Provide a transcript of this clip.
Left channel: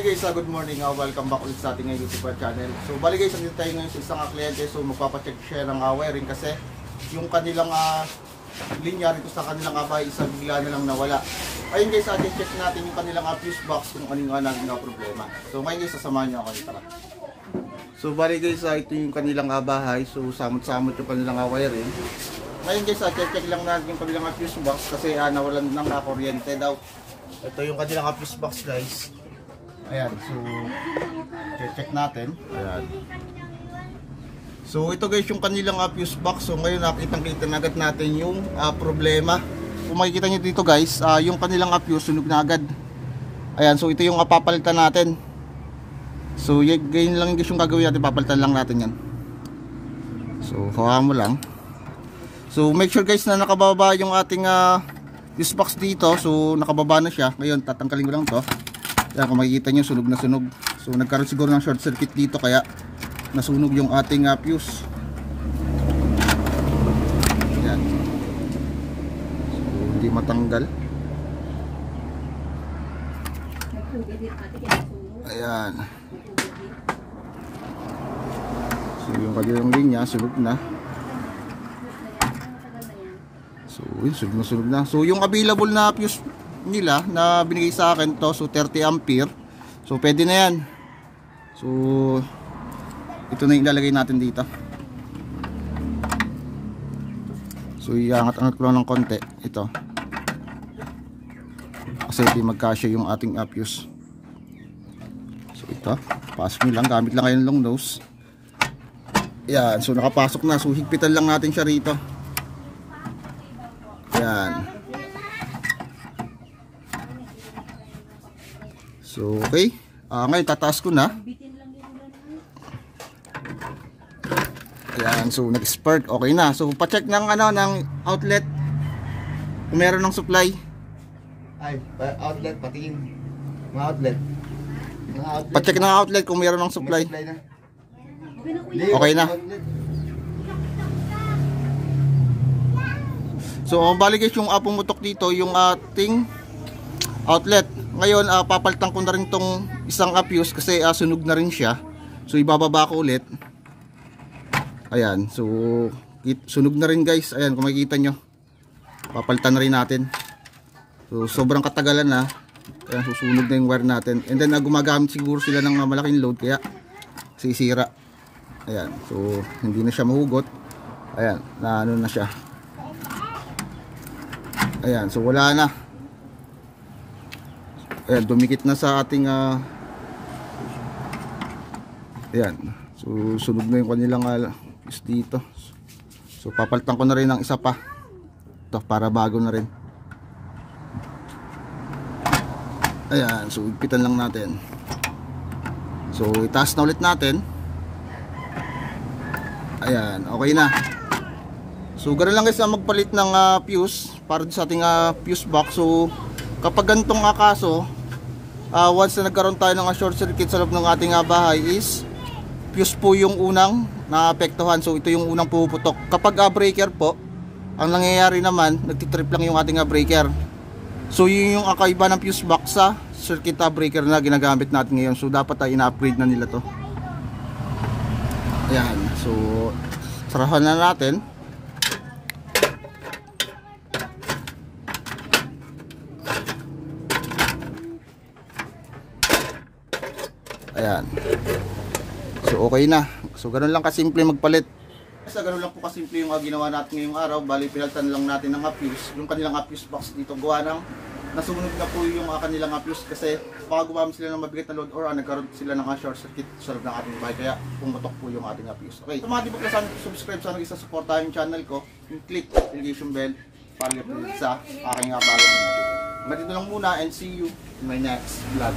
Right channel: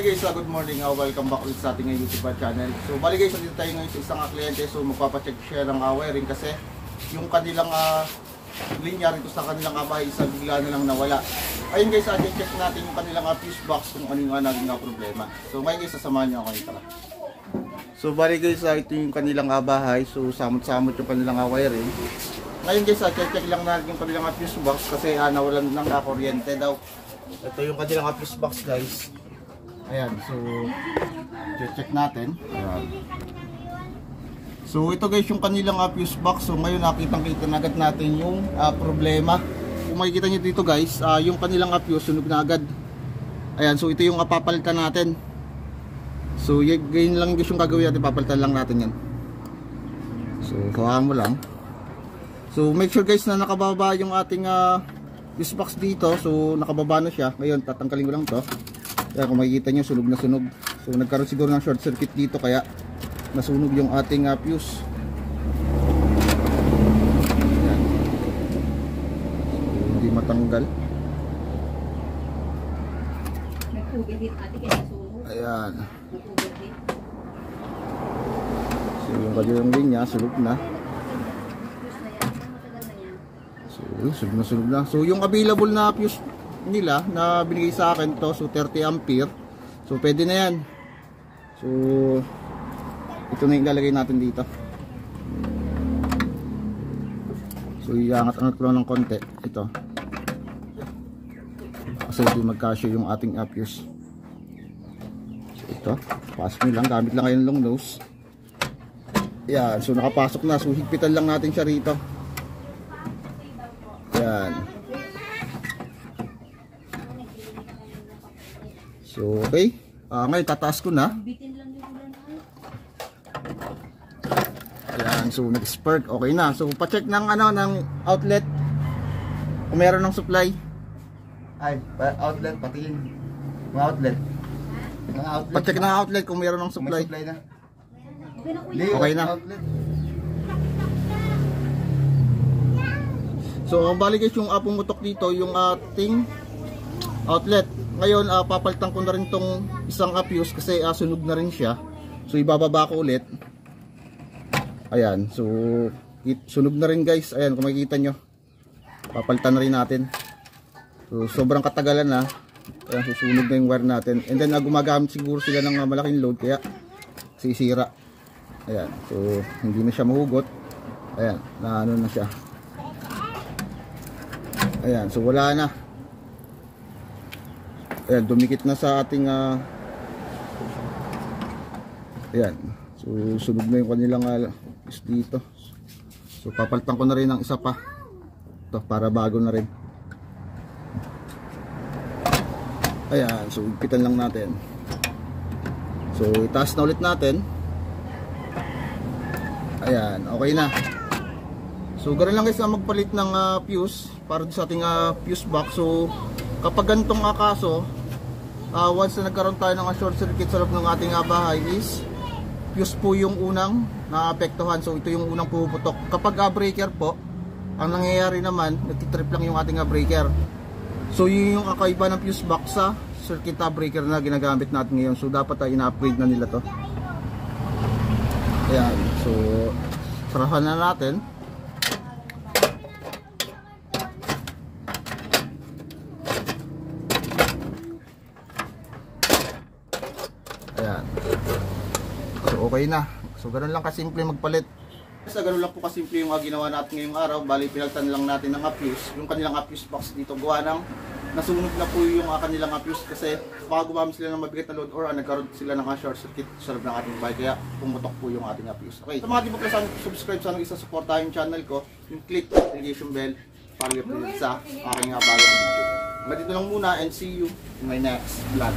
Hi guys, good morning. Welcome back ulit sa ating YouTube channel. So bali guys, nandito tayo ngayon sa isang kliyente. So magpapacheck siya ng wiring kasi yung kanilang linya rito sa kanilang bahay isa bigla na lang nawala. Ayun guys, check natin yung kanilang fuse box kung ano yung naging problema. So ngayon guys, sasamahan niyo ako, tara. So bali guys, ito yung kanilang bahay. So samot-samot yung kanilang wiring. Ngayon guys, check lang natin yung kanilang fuse box kasi nawalan ng kuryente daw. Ito yung kanilang fuse box guys. Ayan, so check natin. Ayan. So ito guys yung kanilang fuse box. So ngayon nakitang-kita na agad natin yung problema. Kung makikita nyo dito guys, yung kanilang fuse sunog na agad. Ayan, so ito yung papalitan natin. So ganyan lang guys yung gagawin natin, papalitan lang natin yan. So hawakan mo lang. So make sure guys na nakababa yung ating fuse box dito. So nakababa na siya. Ngayon tatanggalin ko lang to. Kaya kung makikita nyo, sunog na sunog. So nagkaroon siguro ng short circuit dito kaya nasunog yung ating fuse. Ayan. So hindi matanggal. Ayan. So yung kanilang linya, sunog na. So yun, sunog na. So yung available na fuse nila na binigay sa akin to, so 30 ampere. So pwede na yan. So ito na yung ilalagay natin dito. So iangat-angat ko lang ng konti ito kasi hindi magkasya yung ating fuse. So ito, pasok nyo lang, gamit lang kayo ng long nose. Yan, so nakapasok na. So higpitan lang natin siya rito. Yan. So okay, ngayon tataas ko na. Ayan, so nag-spurt, okay na. So pa-check ng ng outlet kung meron ng supply. Ay, outlet, patingin. Mga outlet. Pa-check ng outlet kung meron ng supply. May supply na. Okay na. So bali guys, yung pumutok dito yung ating outlet. Ngayon papalitan ko na rin tong isang fuse kasi sunog na rin siya. So ibababa ko ulit. Ayan, so sunog na rin guys. Ayan, kung makikita nyo, papalitan na rin natin. So sobrang katagalan na. Kaya susunog na yung wire natin. And then gumagamit siguro sila ng malaking load kaya sisira. Ayan, so hindi na siya mahugot. Ayan, na ano na siya. Ayan, so wala na. Ayan, dumikit na sa ating ayan, so sunog na yung kanilang is dito. So papalitan ko na rin ng isa pa ito para bago na rin. Ayan, so higpitan lang natin. So itaas na ulit natin. Ayan, okay na. So ganoon lang guys na magpalit ng fuse para sa ating fuse box. So kapag ganitong kaso, once na nagkaroon tayo ng short circuit sa loob ng ating bahay is fuse po yung unang naapektuhan. So ito yung unang puputok. Kapag breaker po, ang nangyayari naman, nagtitrip lang yung ating breaker. So yun yung kakaiba ng fuse box sa circuit breaker na ginagamit natin ngayon. So dapat ina-upgrade na nila to. Ayan, so sarahan na natin. Ayan. So okay na. So ganoon lang kasimple magpalit. Sa ganoon lang po kasimple yung ginawa natin ngayong araw. Bali pinalitan lang natin ng fuse. Yung kanilang fuse box dito gawa ng nasunog na po yung kanilang fuse kasi baka gumamit sila ng mabigat na load or nagkaroon sila ng short circuit sa loob ng ating bahay kaya pumutok po yung ating fuse. Okay. Sa mga di pa pala sana subscribe, sana isa-supportahan yung channel ko. Yung click notification bell para i-update sa aking bagong video. Hanggang dito lang muna and see you in my next vlog.